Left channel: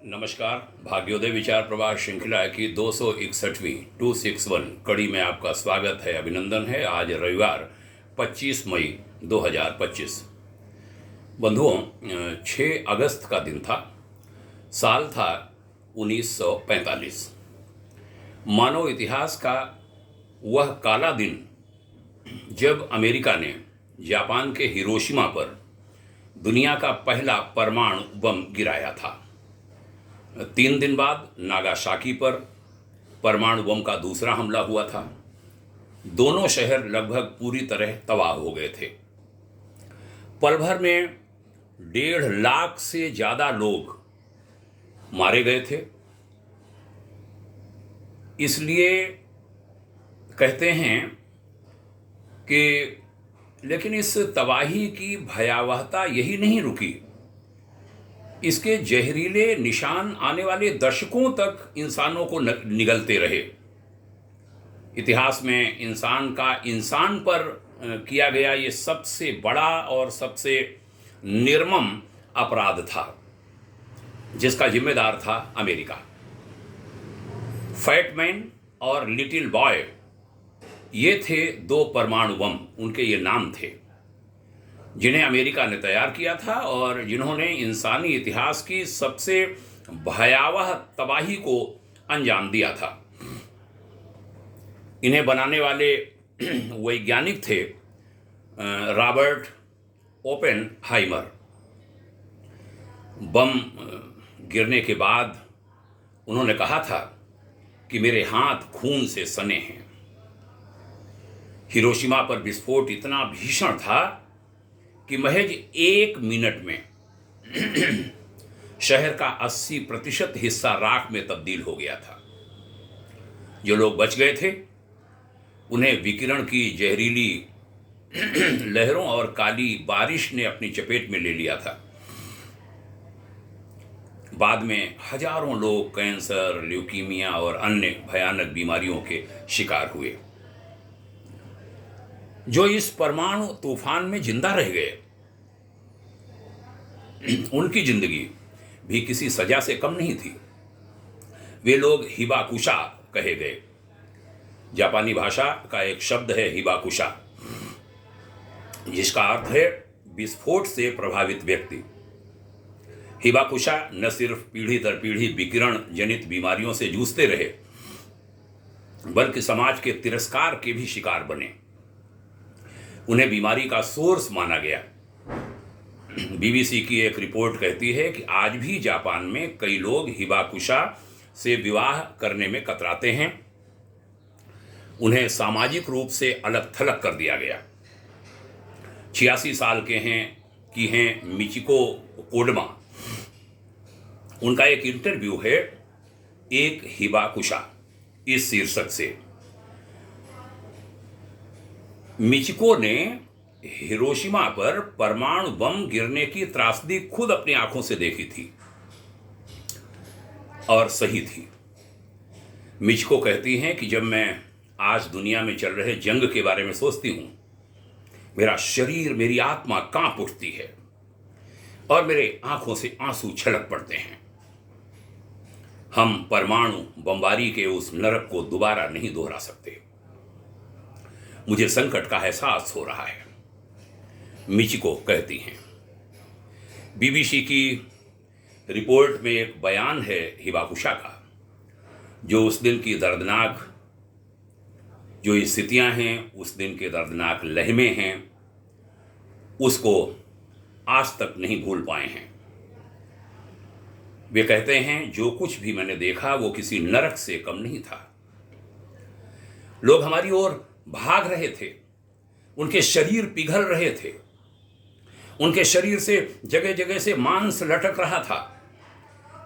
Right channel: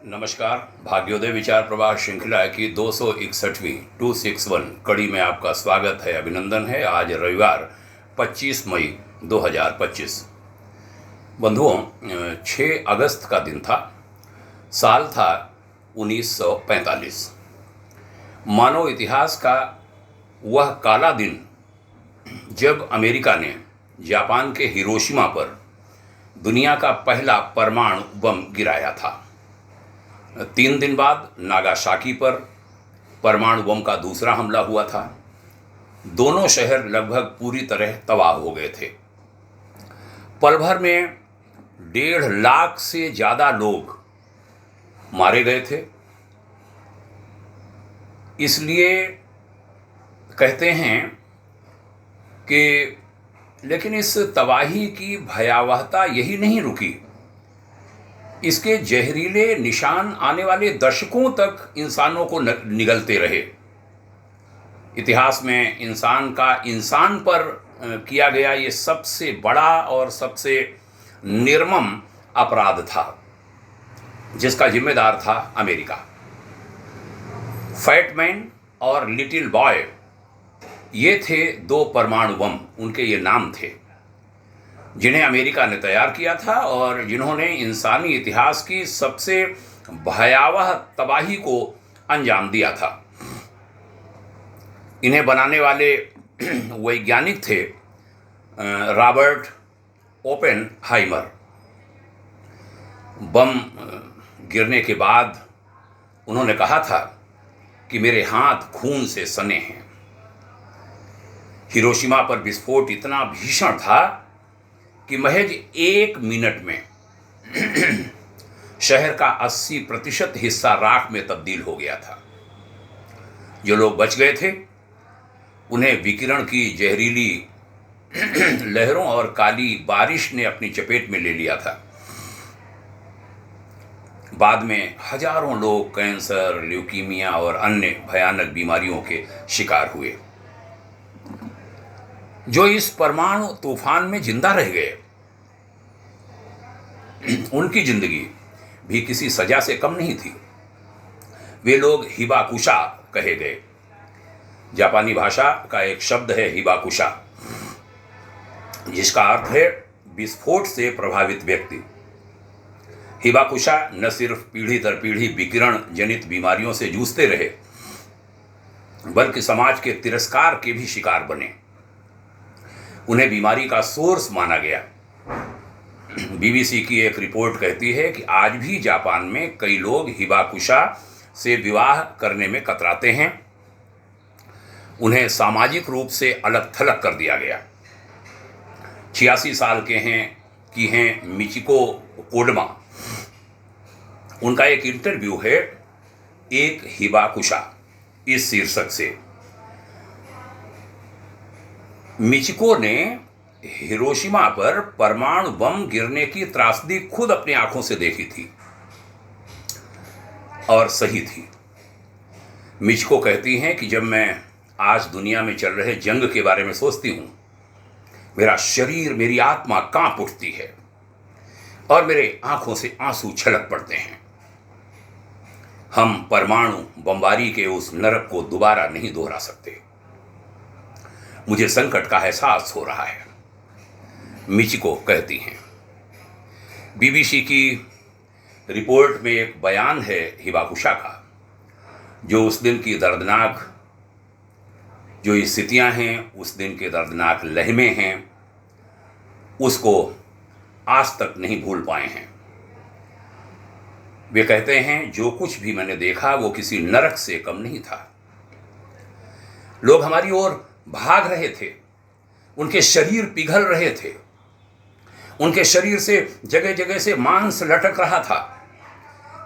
नमस्कार। भाग्योदय विचार प्रवाह श्रृंखला की 261वीं 261 कड़ी में आपका स्वागत है, अभिनंदन है। आज रविवार 25 मई 2025। बंधुओं, 6 अगस्त का दिन था। साल था 1945। मानव इतिहास का वह काला दिन जब अमेरिका ने जापान के हिरोशिमा पर दुनिया का पहला परमाणु बम गिराया था। 3 दिन बाद नागासाकी पर परमाणु बम का दूसरा हमला हुआ था। दोनों शहर लगभग पूरी तरह तबाह हो गए थे। पल भर में 1.5 लाख से ज़्यादा लोग मारे गए थे। इसलिए कहते हैं कि लेकिन इस तबाही की भयावहता यही नहीं रुकी। इसके जहरीले निशान आने वाले दशकों तक इंसानों को निगलते रहे। इतिहास में इंसान का इंसान पर किया गया ये सबसे बड़ा और सबसे निर्मम अपराध था, जिसका जिम्मेदार था अमेरिका। फैट मैन और लिटिल बॉय, ये थे 2 परमाणु बम, उनके ये नाम थे, जिन्हें अमेरिका ने तैयार किया था और जिन्होंने इंसानी इतिहास की सबसे भयावह तबाही को अंजाम दिया था। इन्हें बनाने वाले वैज्ञानिक थे रॉबर्ट ओपेनहाइमर। बम गिरने के बाद उन्होंने कहा था कि मेरे हाथ खून से सने हैं। हिरोशिमा पर विस्फोट इतना भीषण था कि महज 1 मिनट में शहर का 80% हिस्सा राख में तब्दील हो गया था। जो लोग बच गए थे उन्हें विकिरण की जहरीली लहरों और काली बारिश ने अपनी चपेट में ले लिया था। बाद में हजारों लोग कैंसर, ल्यूकीमिया और अन्य भयानक बीमारियों के शिकार हुए। जो इस परमाणु तूफान में जिंदा रह गए, उनकी जिंदगी भी किसी सजा से कम नहीं थी। वे लोग हिबाकुशा कहे गए। जापानी भाषा का एक शब्द है हिबाकुशा, जिसका अर्थ है विस्फोट से प्रभावित व्यक्ति। हिबाकुशा न सिर्फ पीढ़ी दर पीढ़ी विकिरण जनित बीमारियों से जूझते रहे, बल्कि समाज के तिरस्कार के भी शिकार बने। उन्हें बीमारी का सोर्स माना गया। बीबीसी की एक रिपोर्ट कहती है कि आज भी जापान में कई लोग हिबाकुशा से विवाह करने में कतराते हैं। उन्हें सामाजिक रूप से अलग थलग कर दिया गया। 86 साल के हैं मिचिको कोडमा। उनका एक इंटरव्यू है एक हिबाकुशा इस शीर्षक से। मिचिको ने हिरोशिमा पर परमाणु बम गिरने की त्रासदी खुद अपनी आंखों से देखी थी और सही थी। मिचिको कहती हैं कि जब मैं आज दुनिया में चल रहे जंग के बारे में सोचती हूं, मेरा शरीर, मेरी आत्मा कांप उठती है और मेरे आंखों से आंसू छलक पड़ते हैं। हम परमाणु बमबारी के उस नरक को दोबारा नहीं दोहरा सकते। मुझे संकट का एहसास हो रहा है, मिचिको कहती हैं। बीबीसी की रिपोर्ट में एक बयान है हिबाकुशा का, जो उस दिन की दर्दनाक जो स्थितियां हैं, उस दिन के दर्दनाक लहमे हैं, उसको आज तक नहीं भूल पाए हैं। वे कहते हैं, जो कुछ भी मैंने देखा वो किसी नरक से कम नहीं था। लोग हमारी ओर भाग रहे थे, उनके शरीर पिघल रहे थे, उनके शरीर से जगह जगह से मांस लटक रहा था।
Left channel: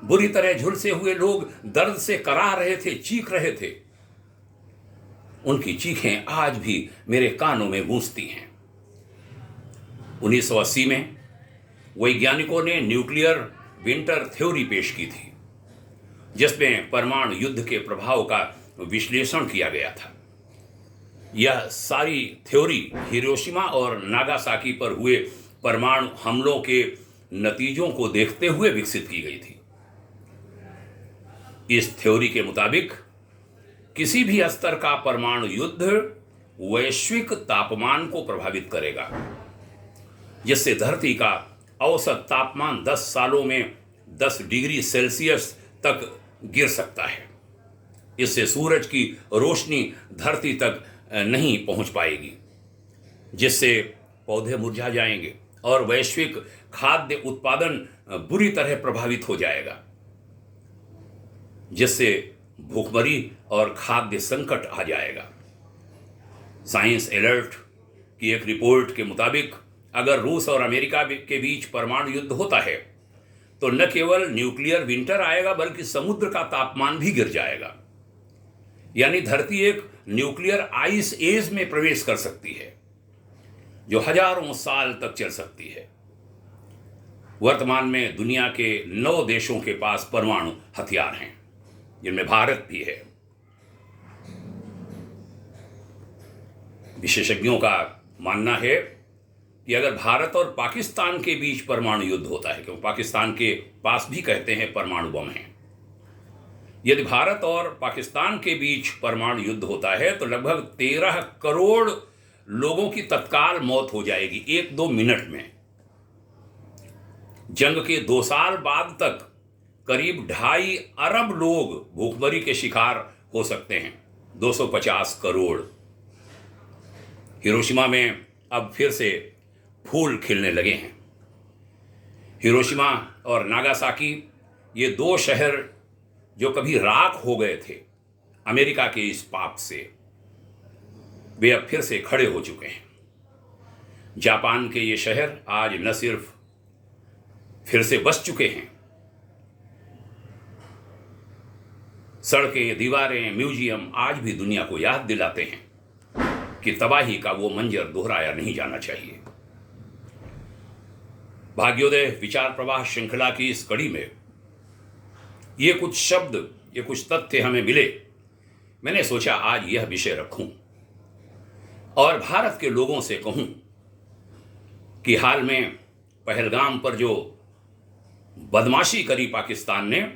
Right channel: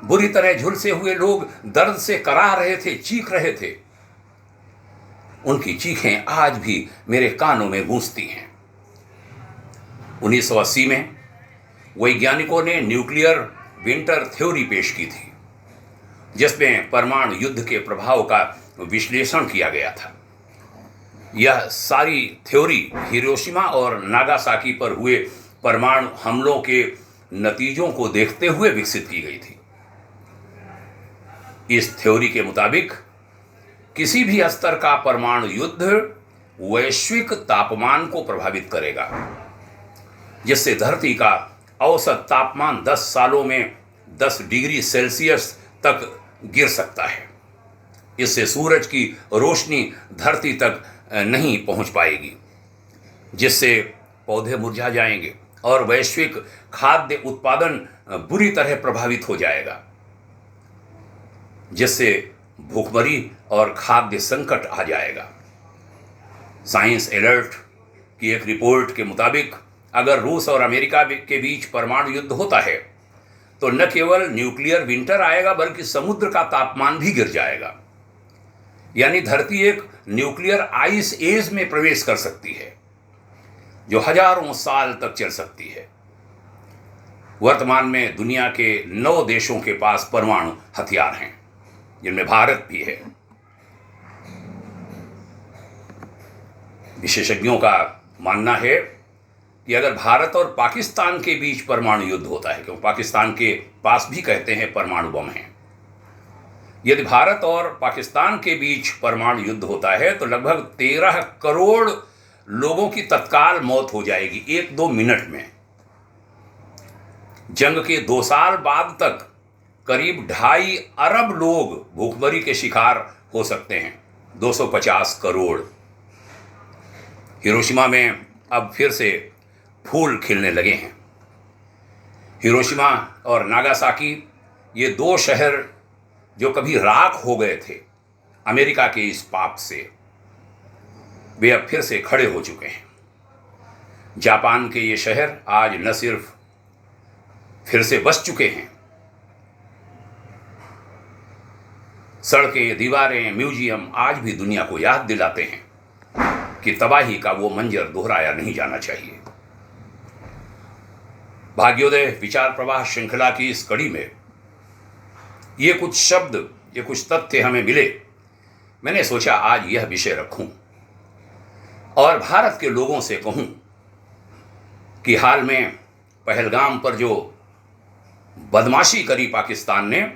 बुरी तरह झुलसे हुए लोग दर्द से कराह रहे थे, चीख रहे थे। उनकी चीखें आज भी मेरे कानों में गूंजती हैं। 1980 में वैज्ञानिकों ने न्यूक्लियर विंटर थ्योरी पेश की थी, जिसमें परमाणु युद्ध के प्रभाव का विश्लेषण किया गया था। यह सारी थ्योरी हिरोशिमा और नागासाकी पर हुए परमाणु हमलों के नतीजों को देखते हुए विकसित की गई थी। इस थ्योरी के मुताबिक किसी भी स्तर का परमाणु युद्ध वैश्विक तापमान को प्रभावित करेगा, जिससे धरती का औसत तापमान 10 सालों में 10 डिग्री सेल्सियस तक गिर सकता है। इससे सूरज की रोशनी धरती तक नहीं पहुंच पाएगी, जिससे पौधे मुरझा जाएंगे और वैश्विक खाद्य उत्पादन बुरी तरह प्रभावित हो जाएगा, जिससे भूखमरी और खाद्य संकट आ जाएगा। साइंस अलर्ट की एक रिपोर्ट के मुताबिक अगर रूस और अमेरिका के बीच परमाणु युद्ध होता है तो न केवल न्यूक्लियर विंटर आएगा बल्कि समुद्र का तापमान भी गिर जाएगा, यानी धरती एक न्यूक्लियर आइस एज में प्रवेश कर सकती है जो हजारों साल तक चल सकती है। वर्तमान में दुनिया के 9 देशों के पास परमाणु हथियार हैं, जिनमें भारत भी है। विशेषज्ञों का मानना है कि अगर भारत और पाकिस्तान के बीच परमाणु युद्ध होता है, क्योंकि पाकिस्तान के पास भी कहते हैं परमाणु बम हैं, यदि भारत और पाकिस्तान के बीच परमाणु युद्ध होता है तो लगभग 13 करोड़ लोगों की तत्काल मौत हो जाएगी 1-2 मिनट में। जंग के 2 साल बाद तक करीब 2.5 अरब लोग भूखमरी के शिकार हो सकते हैं, 250 करोड़। हिरोशिमा में अब फिर से फूल खिलने लगे हैं। हिरोशिमा और नागासाकी, ये 2 शहर जो कभी राख हो गए थे अमेरिका के इस पाप से, वे अब फिर से खड़े हो चुके हैं। जापान के ये शहर आज न सिर्फ फिर से बस चुके हैं, सड़कें, दीवारें, म्यूजियम आज भी दुनिया को याद दिलाते हैं कि तबाही का वो मंजर दोहराया नहीं जाना चाहिए। भाग्योदय विचार प्रवाह श्रृंखला की इस कड़ी में ये कुछ शब्द, ये कुछ तथ्य हमें मिले। मैंने सोचा आज यह विषय रखूं और भारत के लोगों से कहूं कि हाल में पहलगाम पर जो बदमाशी करी पाकिस्तान ने,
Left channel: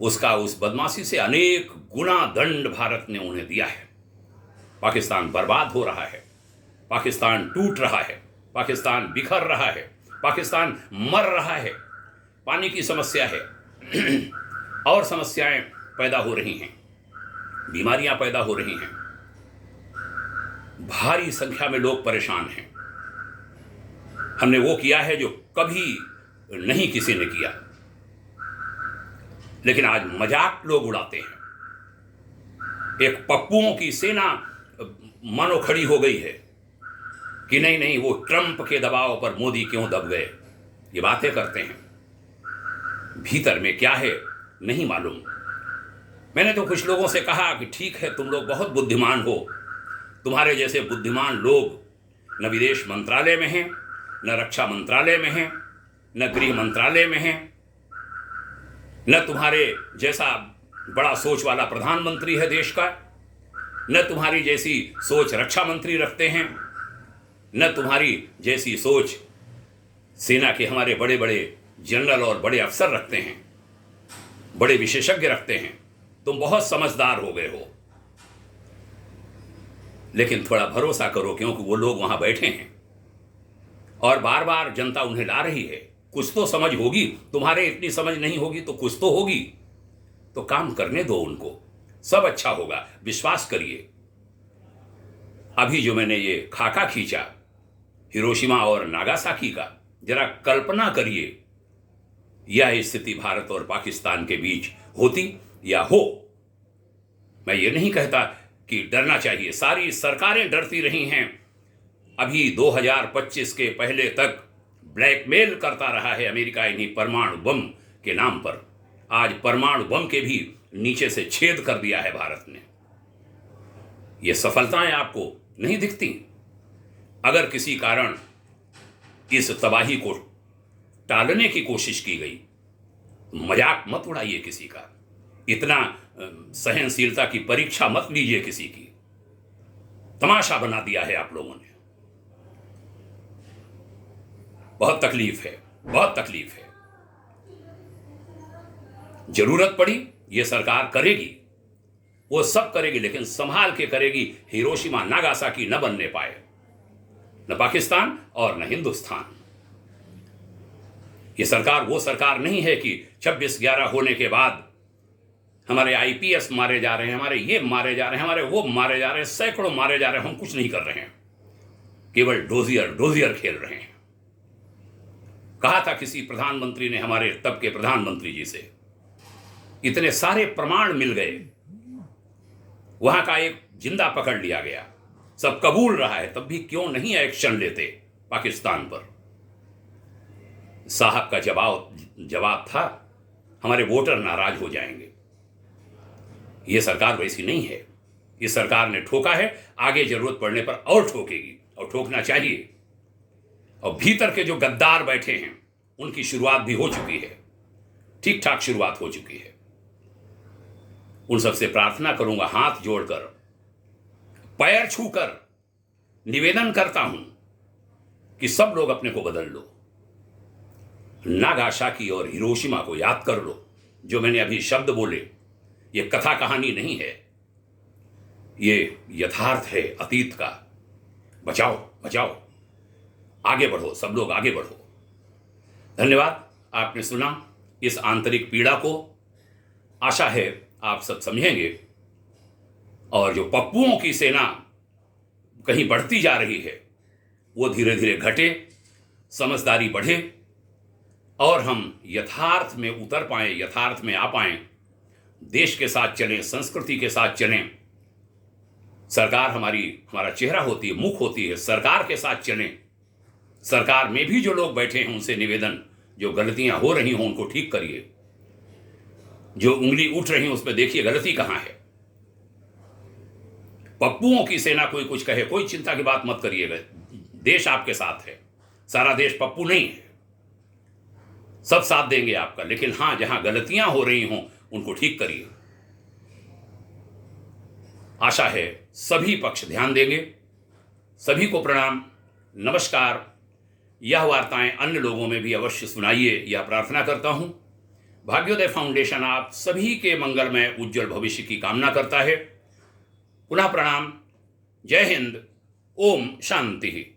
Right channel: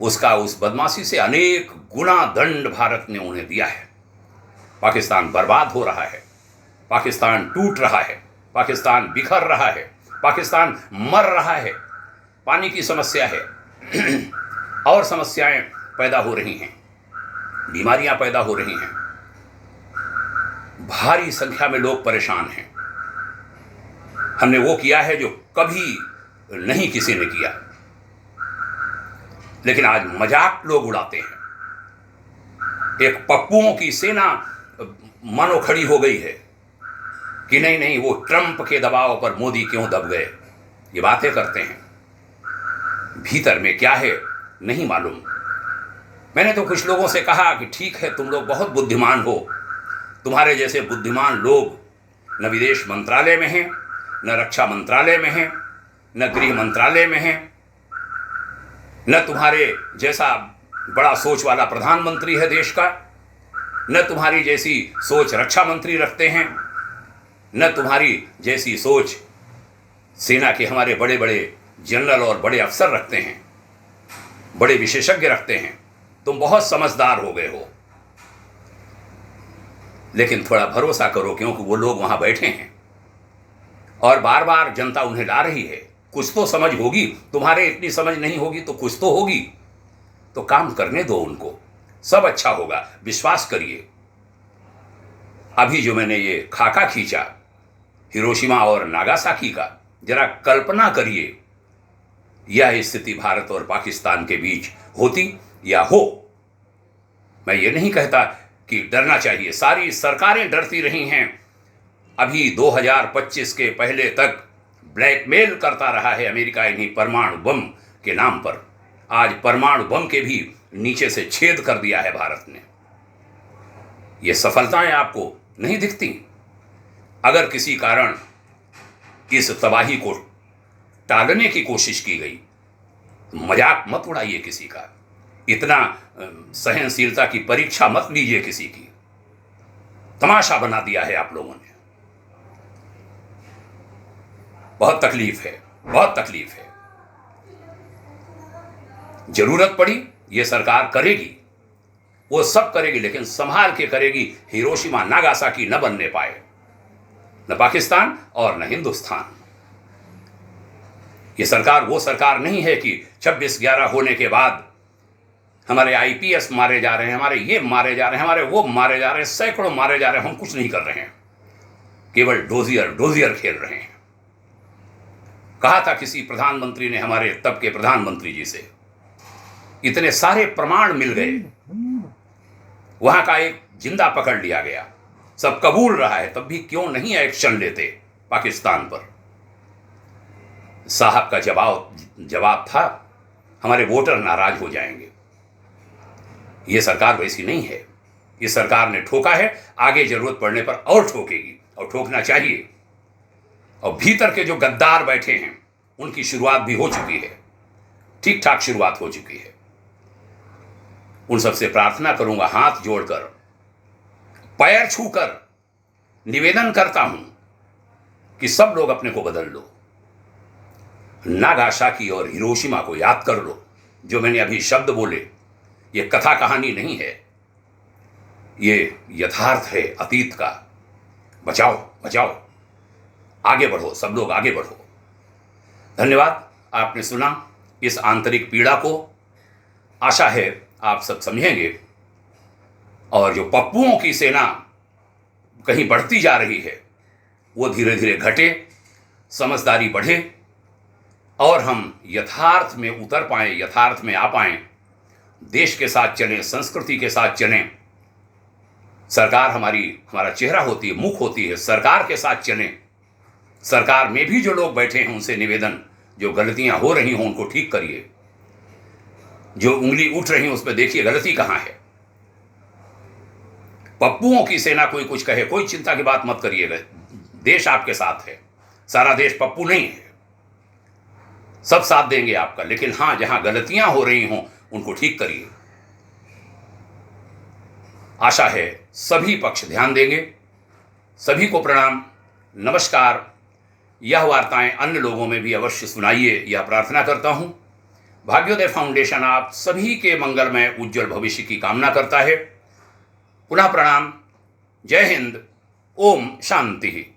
उसका उस बदमाशी से अनेक गुना दंड भारत ने उन्हें दिया है। पाकिस्तान बर्बाद हो रहा है, पाकिस्तान टूट रहा है, पाकिस्तान बिखर रहा है, पाकिस्तान मर रहा है। पानी की समस्या है और समस्याएं पैदा हो रही हैं, बीमारियां पैदा हो रही हैं, भारी संख्या में लोग परेशान हैं। हमने वो किया है जो कभी नहीं किसी ने किया, लेकिन आज मजाक लोग उड़ाते हैं। एक पप्पुओं की सेना मानो खड़ी हो गई है कि नहीं नहीं, वो ट्रंप के दबाव पर मोदी क्यों दब गए, ये बातें करते हैं। भीतर में क्या है नहीं मालूम। मैंने तो कुछ लोगों से कहा कि ठीक है, तुम लोग बहुत बुद्धिमान हो, तुम्हारे जैसे बुद्धिमान लोग न विदेश मंत्रालय में हैं, न रक्षा मंत्रालय में हैं, न गृह मंत्रालय में हैं, न तुम्हारे जैसा बड़ा सोच वाला प्रधानमंत्री है देश का, न तुम्हारी जैसी सोच रक्षा मंत्री रखते हैं, न तुम्हारी जैसी सोच सेना के हमारे बड़े बड़े जनरल और बड़े अफसर रखते हैं, बड़े विशेषज्ञ रखते हैं। तुम बहुत समझदार हो गए हो, लेकिन थोड़ा भरोसा करो, क्योंकि वो लोग वहां बैठे हैं और बार बार जनता उन्हें ला रही है। कुछ तो समझ होगी, तुम्हारे इतनी समझ नहीं होगी तो कुछ तो होगी। तो काम करने दो उनको, सब अच्छा होगा, विश्वास करिए। अभी जो मैंने ये खाका खींचा हिरोशिमा और नागासाकी का, जरा कल्पना करिए यह स्थिति भारत और पाकिस्तान के बीच होती या हो। मैं ये नहीं कहता कि डरना चाहिए, सारी सरकारें डरती रही हैं। अभी 2025 के पहले तक ब्लैकमेल करता रहा है अमेरिका इन्हीं परमाणु बम के नाम पर। आज परमाणु बम के भी नीचे से छेद कर दिया है भारत ने। ये सफलताएं आपको नहीं दिखती? अगर किसी कारण इस तबाही को टालने की कोशिश की गई तो मजाक मत उड़ाइए किसी का, इतना सहनशीलता की परीक्षा मत लीजिए किसी की। तमाशा बना दिया है आप लोगों ने। बहुत तकलीफ है, बहुत तकलीफ है। जरूरत पड़ी ये सरकार करेगी, वो सब करेगी, लेकिन संभाल के करेगी। हिरोशिमा नागासाकी न बनने पाए, न पाकिस्तान और न हिंदुस्तान। ये सरकार वो सरकार नहीं है कि 26/11 होने के बाद हमारे आईपीएस मारे जा रहे हैं, हमारे ये मारे जा रहे हैं, हमारे वो मारे जा रहे हैं, सैकड़ों मारे जा रहे हैं, हम कुछ नहीं कर रहे हैं, केवल डोजियर खेल रहे हैं। कहा था किसी प्रधानमंत्री ने, हमारे तब के प्रधानमंत्री जी से, इतने सारे प्रमाण मिल गए, वहां का एक जिंदा पकड़ लिया गया, सब कबूल रहा है, तब भी क्यों नहीं एक्शन लेते पाकिस्तान पर। साहब का जवाब था, हमारे वोटर नाराज हो जाएंगे। यह सरकार वैसी नहीं है। इस सरकार ने ठोका है, आगे जरूरत पड़ने पर और ठोकेगी, और ठोकना चाहिए। और भीतर के जो गद्दार बैठे हैं उनकी शुरुआत भी हो चुकी है, ठीक ठाक शुरुआत हो चुकी है। उन सबसे प्रार्थना करूंगा, हाथ जोड़कर, पैर छूकर निवेदन करता हूं कि सब लोग अपने को बदल लो। नागासाकी और हिरोशिमा को याद कर लो। जो मैंने अभी शब्द बोले, ये कथा कहानी नहीं है, ये यथार्थ है अतीत का। बचाओ बचाओ, आगे बढ़ो, सब लोग आगे बढ़ो। धन्यवाद, आपने सुना इस आंतरिक पीड़ा को। आशा है आप सब समझेंगे, और जो पप्पुओं की सेना कहीं बढ़ती जा रही है वो धीरे धीरे घटे, समझदारी बढ़े, और हम यथार्थ में उतर पाएं, यथार्थ में आ पाएं, देश के साथ चलें, संस्कृति के साथ चलें। सरकार हमारा चेहरा होती है, मुख होती है, सरकार के साथ चलें। सरकार में भी जो लोग बैठे हैं उनसे निवेदन, जो गलतियां हो रही हों उनको ठीक करिए, जो उंगली उठ रही है उस पर देखिए गलती कहां है। पप्पुओं की सेना कोई कुछ कहे, कोई चिंता की बात मत करिएगा, देश आपके साथ है, सारा देश पप्पू नहीं है, सब साथ देंगे आपका। लेकिन हां, जहां गलतियां हो रही हों उनको ठीक करिए। आशा है सभी पक्ष ध्यान देंगे। सभी को प्रणाम, नमस्कार। यह वार्ताएं अन्य लोगों में भी अवश्य सुनाइए, यह प्रार्थना करता हूं। भाग्योदय फाउंडेशन आप सभी के मंगलमय उज्जवल भविष्य की कामना करता है। पुनः प्रणाम। जय हिंद। ओम शांति।